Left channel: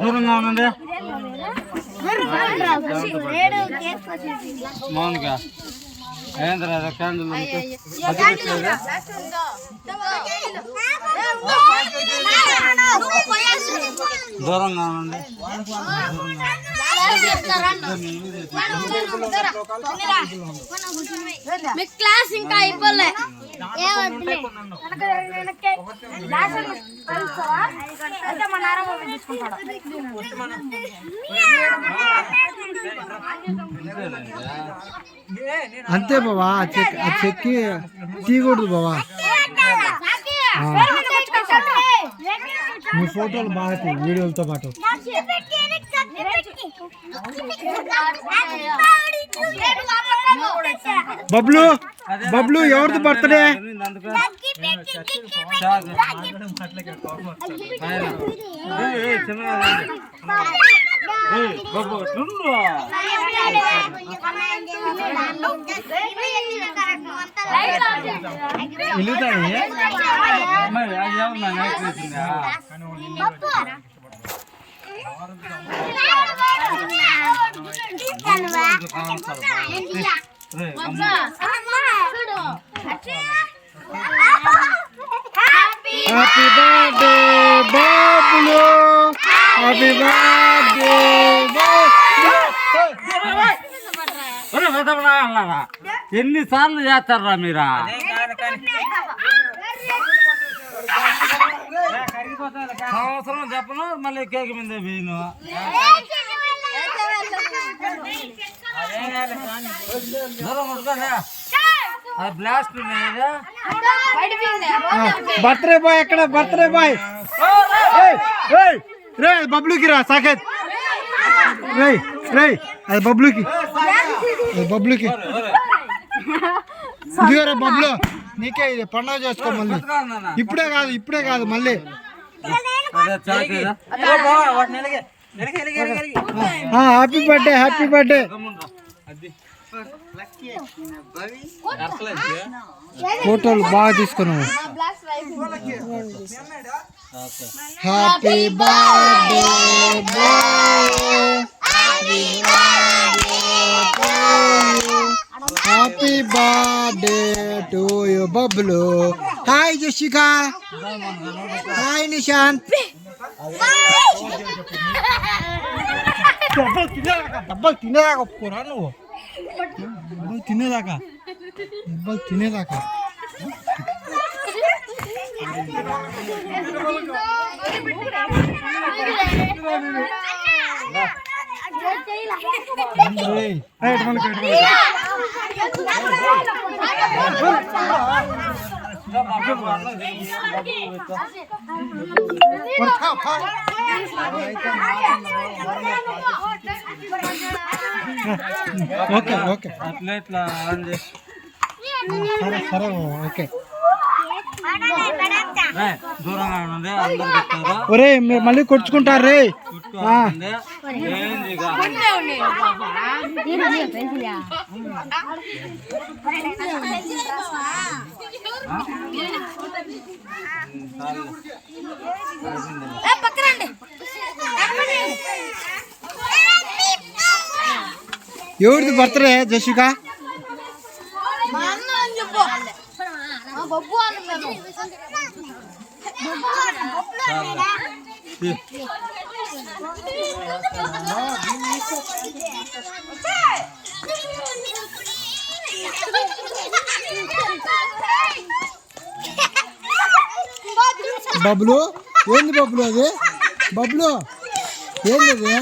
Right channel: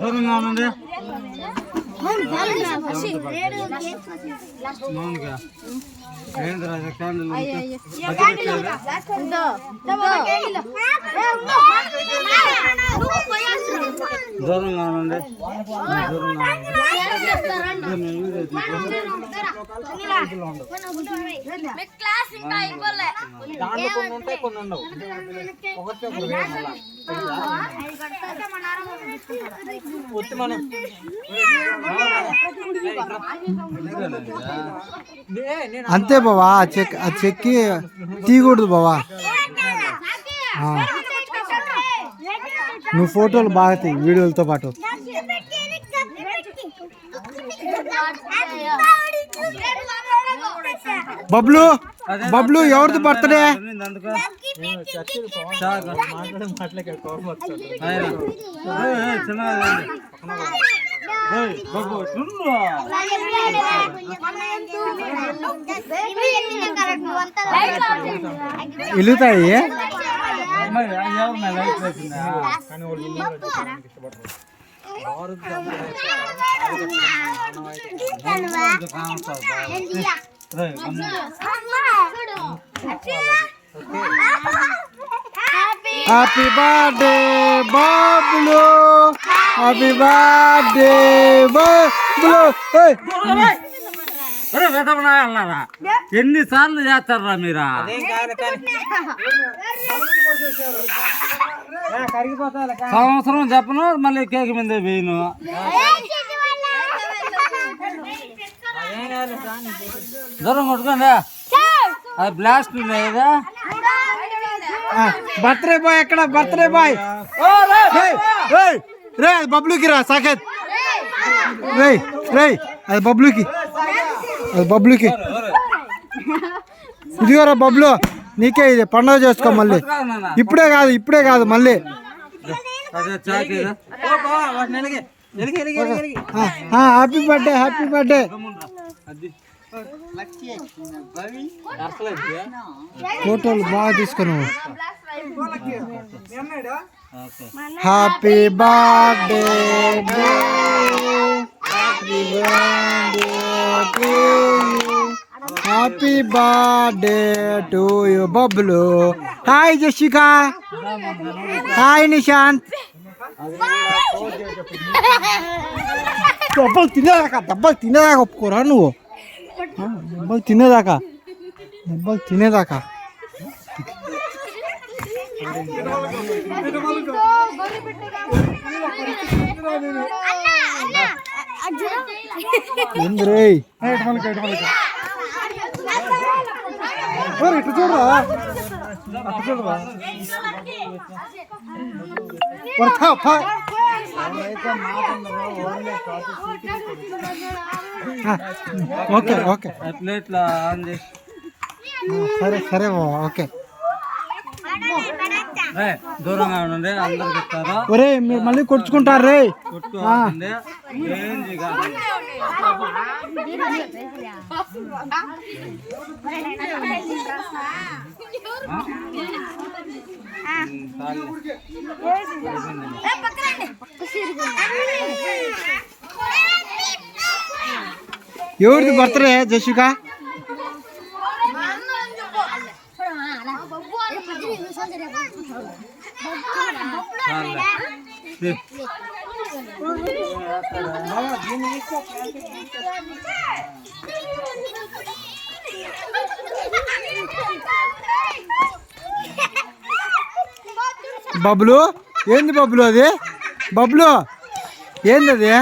దూరంగా ఉండండి. మౌన్గా ఏంద్రా దూరంగా ఉండండి. మీ క్లాస్ ఇంకా అయిపోలే. అంతే బావా ఆ చెక్ ఆ చెక్కి తీయకూడదు బావా. నువ్వు ఫోటోలు బాగా తీ వీడియోలతో పాటు. బబ్లు బబ్లు ఎవరిది బర్త్డే. వెలుగుతాయి అమ్మాయి, happy birthday Bablu happy birthday Bablu ఏయ్, ఒరే, వెదవనా అన్నారా? ఎన్నిసార్లు చేస్తారా మీరా సంవత్సరం చెప్పను మళ్ళీ కేక్ మీద వేయను దూరం కొట్టుకోండి బ్లాస్ట్ బర్త్డే బాయ్ ఎక్కడ? బర్త్డే బాయ్ రేయ్, రేయ్, రేయ్ అది బబ్లుకి రా సాకేత్. రేయ్ రేయ్ అది బబ్లుకి. అది బబ్లుకి. ఇదిగోరా బబ్లు నీకే ఇది పండుగ చేసుకో మళ్ళీ. ఇప్పుడే కాదు ఇప్పుడే కాదు మళ్ళీ. అదే చాకేదా హ్యాపీ బర్త్డే హ్యాపీ బర్త్డే ఫోటోలు బాగా తీసుకున్నావు okay happy birthday happy birthday to you Bablu hi Jashika hi Nishant దెబ్బలు తినేదాకా దెబ్బలు తినేదాకా ఒప్పుకోరా నువ్వు ఆ, దెబ్బలు తినేదాకా? దెబ్బలు తినేదాకా? ఏంది రేయ్ ఓకే ఓకే అట్లా ఇట్లా ఆన్ చేసి సరే సరే బావ, ఓకే రేయ్, దూరంగా ఉండండి ఒరే మీరు మళ్ళీ కొట్టుకుంటారు రే. ఎవరిది బర్త్డే జషిక బబ్లు ఏంది బబ్లు అది బబ్లు ఏంది అది